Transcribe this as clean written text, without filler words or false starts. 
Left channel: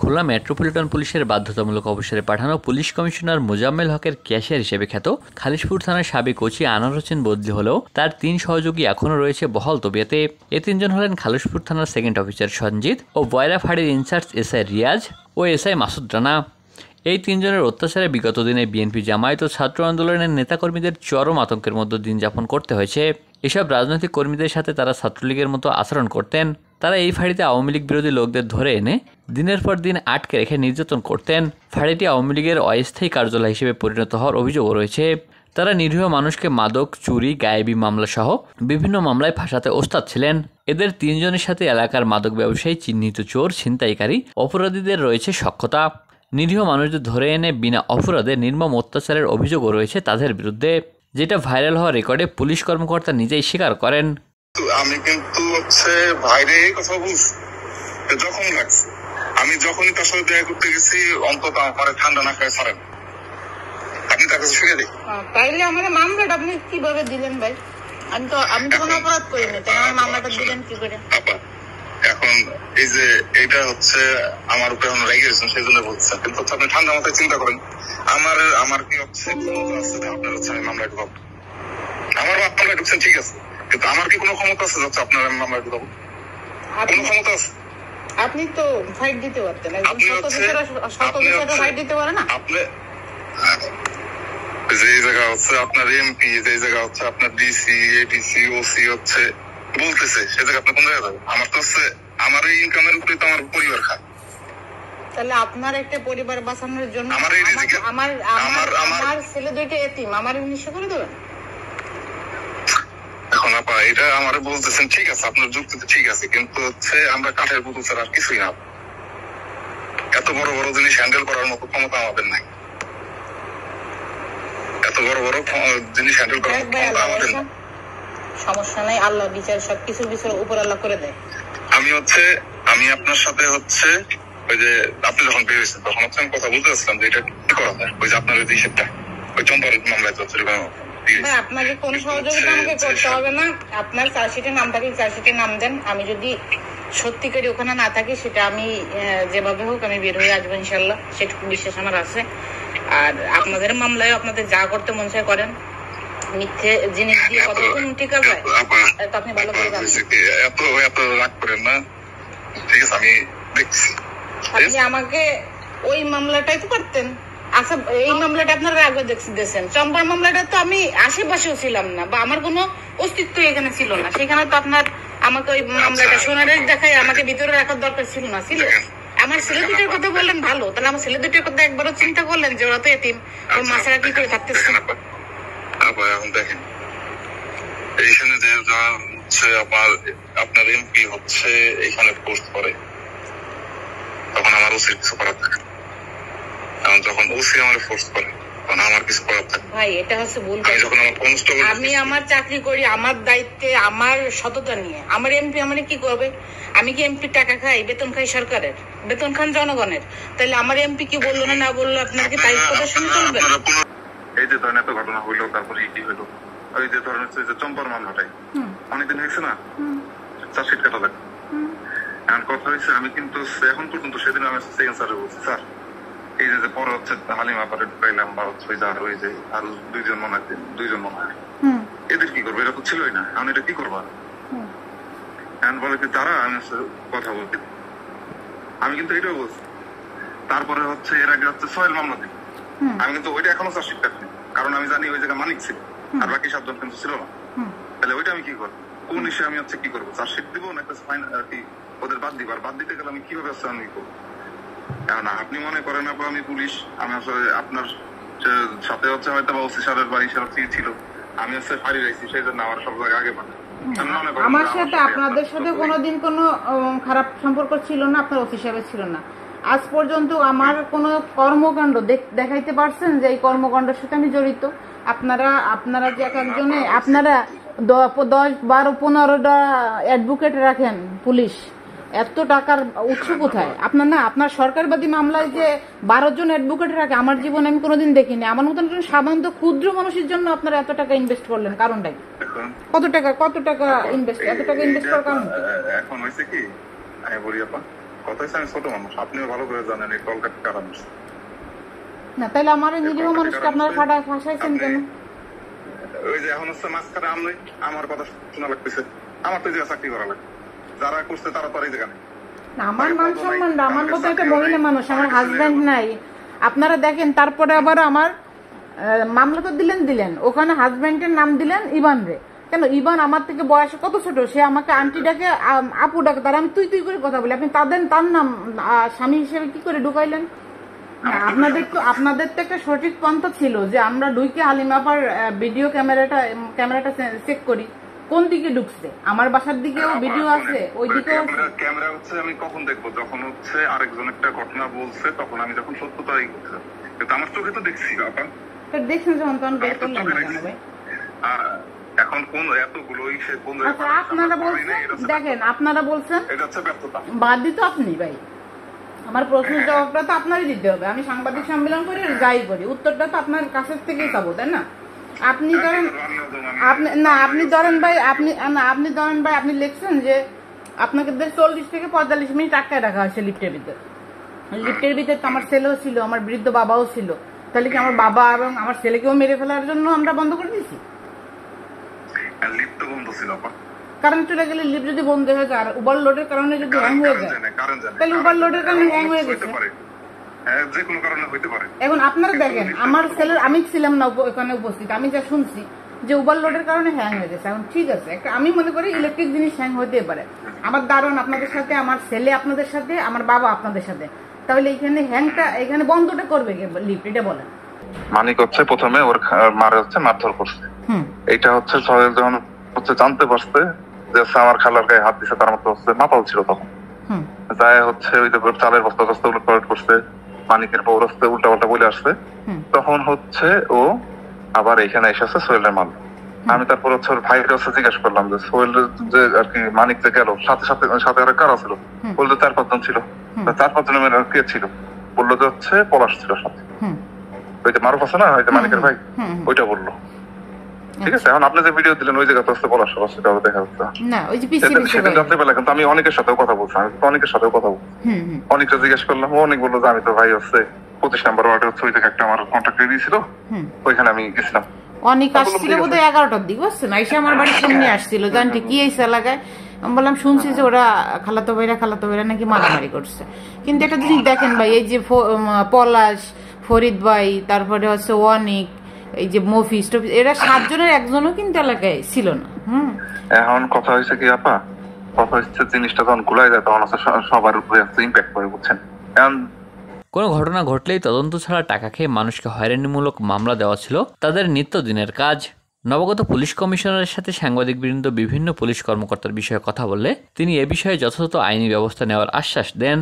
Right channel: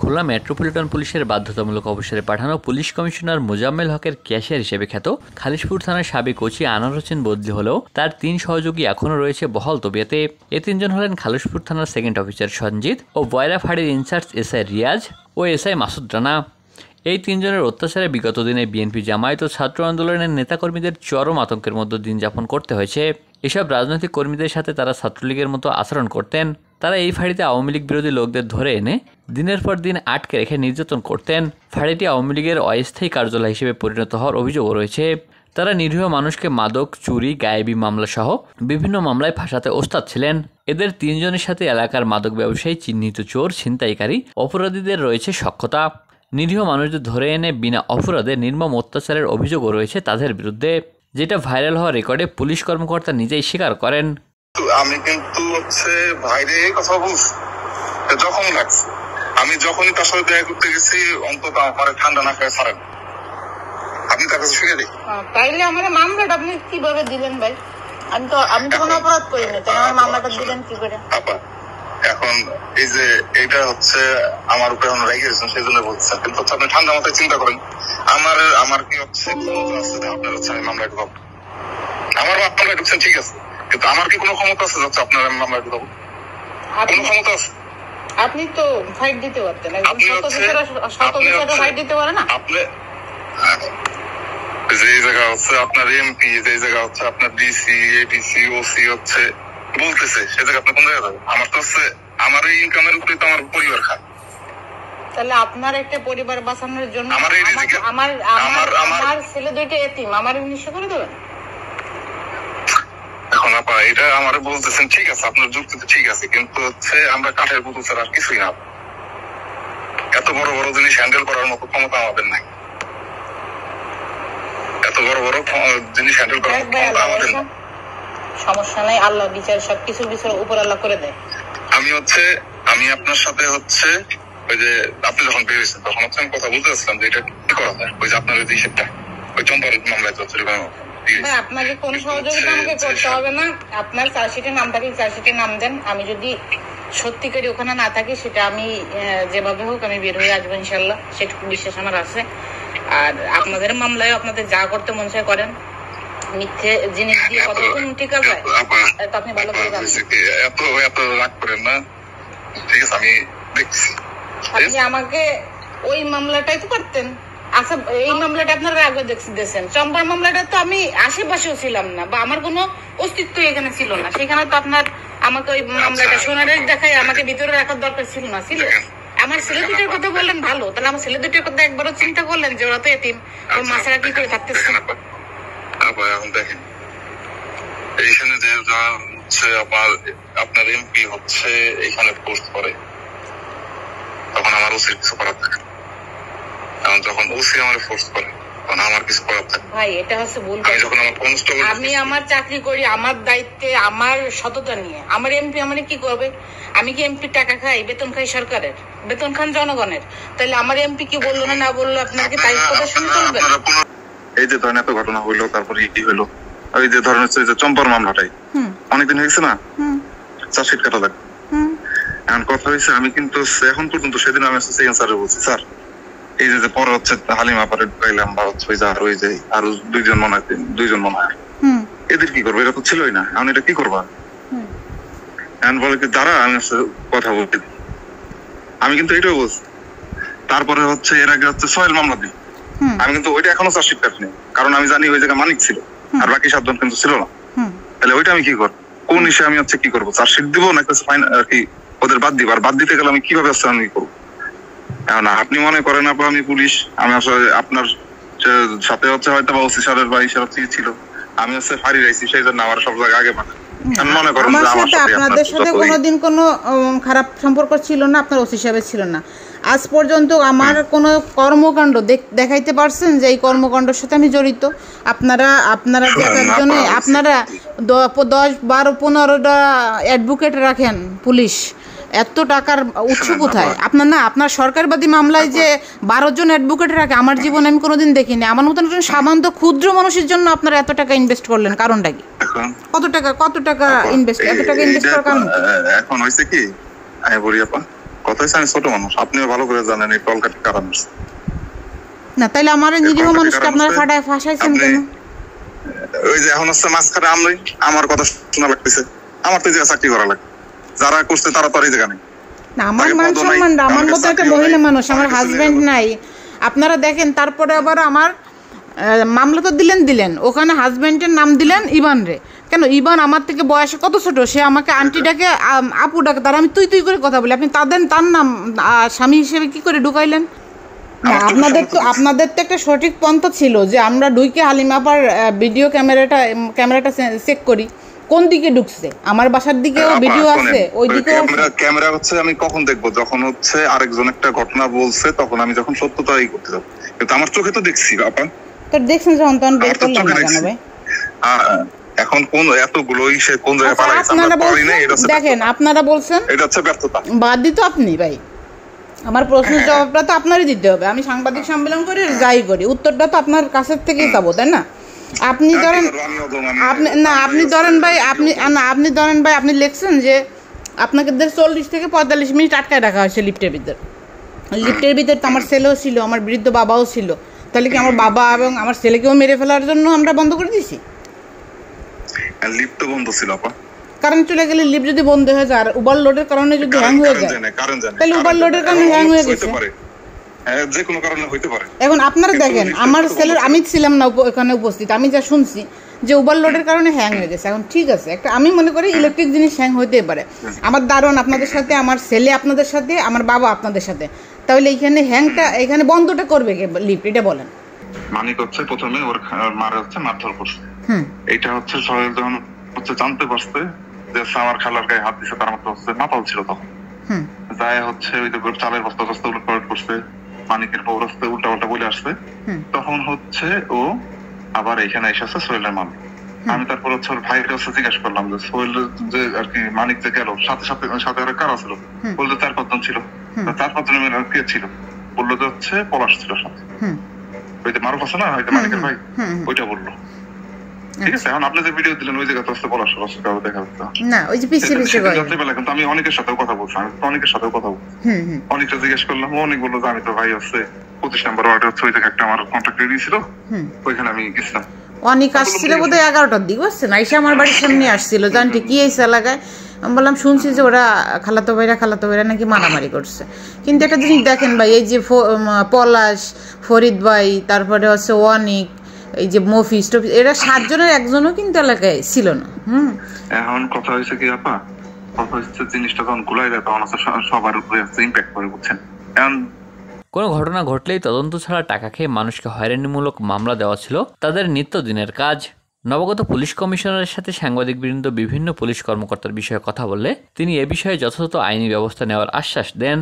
Khulna metropolitan পুলিশের বাধ্যতামূলক অবসরে পাঠানো পুলিশ কমিশনার মোজাম্মেল হকের ক্যাশিয়ার হিসেবে খ্যাত খালিশপুর থানার সাবেক ওসি আনোয়ার হোসেন বদলি হলেও তার 3 সহযোগী এখনও রয়েছে বহাল তবিয়তে। এ 3 জন হলেন খালিশপুর থানার সেকেন্ড অফিসার সঞ্জিত ও বয়রা ফাঁড়ির ইনচার্জ এসআই রিয়াজ ও এসআই মাসুদ রানা। এই 3 জনের অত্যাচারে বিগত দিনে বিএনপি জামায়াত ও ছাত্র আন্দোলনের নেতাকর্মীদের চরম আতঙ্কের মধ্যে দিন যাপন করতে হয়েছে। এসব রাজনৈতিক কর্মীদের সাথে তারা ছাত্রলীগের মতো আচরণ করতেন। তারা এই ফাঁড়িতে আওয়ামী লীগ বিরোধী লোকদের ধরে এনে দিনের পর দিন আটকে রেখে নির্যাতন করতেন। ফাঁড়িটি আওয়ামী লীগের অস্থায়ী কার্যালয় হিসেবে পরিণত হওয়ার অভিযোগও রয়েছে। তারা নিরীহ মানুষকে মাদক, চুরি, গায়েবী মামলা সহ বিভিন্ন মামলায় ফাঁসাতে ওস্তাদ ছিলেন। এদের 3 জনের সাথে এলাকার মাদক ব্যবসায়ী, চিহ্নিত চোর, ছিনতাইকারী, অপরাধীদের রয়েছে সখ্যতা। নিরীহ মানুষদের ধরে এনে বিনা অপরাধে নির্মম অত্যাচারের অভিযোগও রয়েছে তাদের বিরুদ্ধে, যেটা ভাইরাল হওয়া রেকর্ডে পুলিশ কর্মকর্তা নিজেই স্বীকার করেন। আমি কিন্তু ভাইরে কথা বলছি যখন লাগছে, আমি যখনই তার সাথে দেখা করতে গেছি অন্তত আমার ঠান্ডা না খায় ছাড়েন, আপনি তার কাছে ফিরে দিই। তাইলে আমার মামলাটা আপনি কিভাবে দিলেন ভাই? আমি তো কোনো অপরাধ করিনি, তাই আমার মামলাটা দিলেন কি করে? এখন এই যে এটা আমার উপরে এখন রেগে গেছেন সেই জন্য বলছেন, কিন্তু আপনি ঠান্ডা মাথায় চিন্তা করেন আমার কি ক্ষমতা আছে আপনার আমি মামলা ঢুকাবো? আমার মামলা ঢুকছেন ঠিক আছে, কিন্তু আমার কি কোনো ক্ষমতা আছে যাচ্ছে আপনার আমি মামলা ঢুকাবো? কোনো ক্ষমতা আছে? আপনি তো ফাইট দিতে পারতেন, ফাইট দিতে পারে না। আপনি যে জায়গা আপনার এমপি, যে জায়গা আপনার ডিসি, এডিসি, ওসি বলতেছে সে জায়গা আপনি কোন জায়গায় যাবেন? আমার তো আমার এই ইনকামের উপরে তো আমার পরিবার খায়। তাহলে আপনার একটা পরিবার বাঁচানোর জন্য আমার ছেলে 2টা এতিম, আমার নিঃস্ব করে দেবেন? এখন আপা এটা আমার বলতেছেন ঠিক আছে, আপনার যুক্তি তো ঠিক আছে, কিন্তু আমরা কাঠের পুতুল ছাড়া আর কিছুই না। এত বড় বড় জিনিস হ্যান্ডেল করার মতো ক্ষমতা আমাদের নাই। এত বড় বড় জিনিস হ্যান্ডেল করার ক্ষমতা আমাদের নাই। সমস্যা নাই, আল্লাহ বিচার সবকিছু বিচার উপর আল্লাহ করে দেয়। আমি আপনার সাথে ওই যে আপনি যখন বেরিয়েছেন তখন আমি কথা বলতে চাচ্ছিলাম যে এটা কি করা যায়, ওই যে আপনার ওই হিসেবটা ওই চম্পার মামলায় আপনাকে কোন সহযোগিতা আমাকে করতে হবে না। আপনার চার্জশিটের নামটাকে চার্জশিটের নাম দেন, আমি যদি সত্যি করে ওখানে না থাকি সেটা আমি যেভাবে হোক আমি বের হয়ে আসবো ইনশাল্লাহ, সেটুকু বিশ্বাস আমার আছে। আর আপনাদের মামলায় আপনাদের যা করতে মন চায় করেন, মিথ্যে জিনিস দিয়ে কতক্ষণ ঠিক আছে আপনি ভালো করে জানেন। এত রাগ করেন না, ঠিক আছে আমি দেখছি। আপনি আমাকে ওই মামলাটাই তো করতেন। আচ্ছা, এই মামলাটা আপনারা আগে দেখছেন, চম্পার মামলাটা তো আমি আশেপাশেও ছিলাম না বা আমার কোনো অস্তিত্ব এখানে ছিল না, সেখানে তো আপনার আমাকে ওই মামলাটা সোনারের দেখায় আমাকে ভিতরে রাখার দরকার ছিল না। ছিল আমার ছেলে 2টার কথা বললেন ভালো, তাহলে আমার ছেলে 2টার কথা একবারও চিন্তা করলেন যে ওরা তো এতিম, ওর মাছেরা কি করে থাকতেছে? এখন দেখেন এইখানে যে আপনার এমপি এখানে পোস্ট করে, তখন আমার উচিত কিছু করার থাকে। এখন যখন ওসি আমার ফোর্স করে তখন আমার কিছু করার থাকে। ভাই এটা ভুল। আমি আমার চাকরি করি আমার দায়িত্বে, আমার সততা নিয়ে। আমার এমপি আমার কি করবে? আমি কি এমপি টাকা খাই? বেতন খাই সরকারের, বেতন খান জনগণের। তাহলে আমার এমপি কি বললো না বললো আপনাকে তাই কথা শুনে চলবে? এই যে ধরেন এত ঘটনা হইলো, তারপরে কি হইলো, এই যে ধরেন যে চম্পার মামলাটাই অনেকদিন হয়েছে না, চার্জশিট কাটা লাগবে। এখন কথা হয়েছে আমি কিন্তু এখন পর্যন্ত সেদিন আমি স্যার বলছি, স্যার এই যে পরে হালিমা পারে ঢুকাইলাম বা ওই যে আরো 2জন মনে হয় এদের কি করবো? এটা তো ছিলই না, এখন এটা কি করবা? এখন বলে কি দাঁড়া আমি কথা বলতে, আমি কিন্তু এটাও বলছি। তারপরে এর আগে সোহেল মামলা দিই, আমি কিন্তু ওইটা এখনো চার্জশিট কাটিনি, কারণ আমি জানি ওই জায়গায় মানিক ছিল আর বাকি 7 জন কিন্তু ছিল না। তাহলে ওইটা আমি কি করবো? কোন ইস্যু আমি কি করবো? চার্জশিট দিব না ফাইন আর কি ওদের বাদ দিব? আর বাদ দিতে গেলে আমি কিভাবে আমি কি করবো? এখন আপনি মনে করেন আমি পুলিশ, আমি আসলে আপনার সাথে হয়তো বা ওসি সারের বা ইশারা ছিল, আমি ফাঁড়ি রাইছি সেই জন্য আমার সব জায়গায় আগে পাঠায়। আমার সাথে আপনাদের সাথে কোনোদিন কোনো খারাপ সম্পর্ক ছিল না, আপনার ওসি সাহেবের ছিল না। আজ পর্যন্ত আমার কোনো কর্মকাণ্ড দেখাইতে পারছেন যে এই কর্মকাণ্ডের সাথে আমি জড়িত? আপনারা যে একজনে আপনারা 10, 12, 15টা অ্যাডভোকেট রাখেন পুলিশ, এত টাকার উৎস কোথায়? আপনার সরকারবাদী মামলায় যে 12 জন অ্যাডভোকেট রাখে, আমার জীবনে আমি কোনোদিন দেখিনি। আমার মতন একজন সামান্য ক্ষুদ্র মানুষের জন্য আপনারা এত টাকা ইনভেস্ট করলেন, কারণটা কি? কত টাকা ইনভেস্ট? এত টাকা ইনভেস্ট করার কারণ এখন হয়েছে কি আমি বলি আপা, কথা হচ্ছে আমি ছোট মানুষ, আপনিও ভালো করে জানেন এই কলকাতার কারণ না। তাইলে আমার এই নিরীহ মানুষকে আপনারা ফাটায় ফাঁসাইছেন কেন? ওই যে এখন হচ্ছে মাঝখানে আমার কথা শোনা লাগতেছে, আমার তো এই জায়গায় চাকরি করা লাগে, যারা করছে তারা তো আর এই জায়গা নেই। না, আমার মান সম্মান, আমার মতো একটা মহিলা মানুষ, আমার হাজবেন্ড নাই, আপনারা দেখেন। তারপরে আবার আমার মামলা তো দিলেন, ওখানে হাজবেন্ডের নাম দিলেন ইবান রে। কেন? ইবান আমার থেকে বয়সে কত ছোট, সে আমাকে আন্টি ডাকে, আপু ডাকে, তার আমি তুই করে কথা বলি, আপনি তার নাম স্বামী হিসেবে কি করে ঢুকাইলেন? না, আপনাদের তো একটা সঠিক পন্থা ছিল যে আমরা ঢুকে হালিমাপার ভিডিও ক্যামেরাটা চেক করি কোন দিকে ঢুকছে। আমার বাসার দিকেও ভিডিও আছে, ওই দিকেও ক্যামেরা হচ্ছে। আমি কখন দেখবো? যখন হচ্ছে আরেকজন একটা ঘটনা বলছে, তখন আমি যখন সত্যতাই করতে যাবো। কিন্তু আমার চোখে তো দেখছি আপা। তো দেখছেন যখন তখন বের করলেন না কেন ভাই? এখন কোন এতগুলো সে কোন জায়গায় পালাইছে আমরা পারি না, এটা দেখেন আপনারা বলছেন এটা হচ্ছে ব্যর্থতা। বাদ দিত আপনি ভাই, আমার প্রশ্নের জবাবটা তো আপনারই দিতে হবে। আমি সাংবাদিক সম্মেলন করি, যাই করি, উত্তরটা তো আপনার কাছের থেকেই পাবো, তাই না? আপনি ধরেন আপনি লিখছেন যে আপনাকে 40 থেকে 45 মিনিট আটকায় রাখা হয়েছে লিফটের ভিতর। তো আমার ছেলেও ছিল, আমার বৃদ্ধ বাবাও ছিল। তাহলে কি আমার বাবা এবং আমার ছেলেকেও মেরে ফেলার জন্য আমরা বন্ধ করে দিয়েছি? লিফট বন্ধ ছিল আপা, কারণ চলে গেলে লিফট যদি বন্ধ হয়ে যায় আর ওভারলোডের কারণে যদি হ্যাং হয়ে যায়, তাহলে ওভারলোডের কারণে হ্যাং হয়ে গেছে, যে কোনো কারণে হইতে পারে। এখন আপনারা দেখেন, আমার ছেলের, আমি ছিলাম না ওখানে উপস্থিত, আমি যা শুনছি যে ওভারলোডের কারণে হ্যাং হয়ে গেছে। এখন ঠিক আছে, একটা আমি মনে করি ইলেকট্রিক জিনিস হ্যাং হইতেই পারে। আমার দারুণ আপনাদের সাথে, আমার ছেলে আপনাদের সাথে, আমার বাবা আপনাদের সাথে, তাহলে এইখানে হ্যাংটা, এখানে বন্ধটা করবে কে লিফট? এটা বলেন। মানিক হচ্ছে প্রথমে ওর মারে হচ্ছে মারধর করছে, এইটা হচ্ছে সোহেল যখন হচ্ছে জানতে পারছে যে আমার খালার গায়ে হাত দিছে, তার মতো হচ্ছে মাতাল ছিল তখন, যায় হচ্ছে ওই যে চালের বস্তা উলট পালট করছে, মানিকের বউ রাস্তে উল্টা পাল্টা বলে আসছে, তখন হচ্ছে ও আবার এখানে এসেছে সোহেলের মাল। আমি তারপর হচ্ছে ওর ভাইয়ের কাছে জিজ্ঞাসা করলাম যে সোহেল যে আর কি মানিক যে গেল সাথে আর কারা ছিল, বললো 4-5 জন ছিল। 4-5 জনের কে ছিল? বললো যে হচ্ছে পলাশ ছিল সাথে, ওই যে মারুফ আছে না, ওই যে মানিকের ভাই, ওইটা বললো। ঠিক আছে, এখন আপনি যে ভিডিও দিলেন ওই জায়গাতে হচ্ছে পলাশ কারো দেখা যাচ্ছে না, ওই যে রাত্রেবেলা। কিন্তু আমি অনেকের সাথেও কথা বলছি, অনেকটা জিজ্ঞেস করলাম, অনেক বললো যে আমি তো ভাই হচ্ছে 25 নম্বর ওয়ার্ডে হচ্ছে ওই জায়গায় একটা আমার কন্ট্যাক্ট দিয়েছিল, ওইখানে আমি গেছিলাম। অনেক আসছিল বোধহয় 11টার দিকে, বুঝছেন, এসে আমার বাড়ির সামনে আসছিল, জানতে কি এই এলাকায়। আমি বললাম শুনছি যে ওরা খালাতো ভাইরা নাকি মারামারি করছে। কিন্তু একটা জিনিস দেখেন ভাই, এই যে পলাশ, ফরিদ ভাই, তারপরে হচ্ছে অনিক, এই যে মফিস টফিস, এরা 7 জনের একজনও কিন্তু এলাকায় ছিল না। এখন কথা হয়েছে কি আপা, কথা হচ্ছে জিনিসটা যখন গুলাই যায় তখন সবার উপরে ইম্প্যাক্ট করে, বুঝছেন। কোনো ঘটনা ঘটলেই তদন্ত ছাড়া টাকা খেয়ে মানুষকে হয়রানিমূলক মামলা দেওয়া ছিল তাদের নিত্যদিনের কাজ। নবাগত পুলিশ কমিশনারের সাথে সাংবাদিকবৃন্দ বিভিন্ন পুলিশ কর্মকর্তার বিষয়ে কথা বললে তিনি এ বিষয়ে যথাযথ আইনি ব্যবস্থা নেওয়ার আশ্বাস দেন।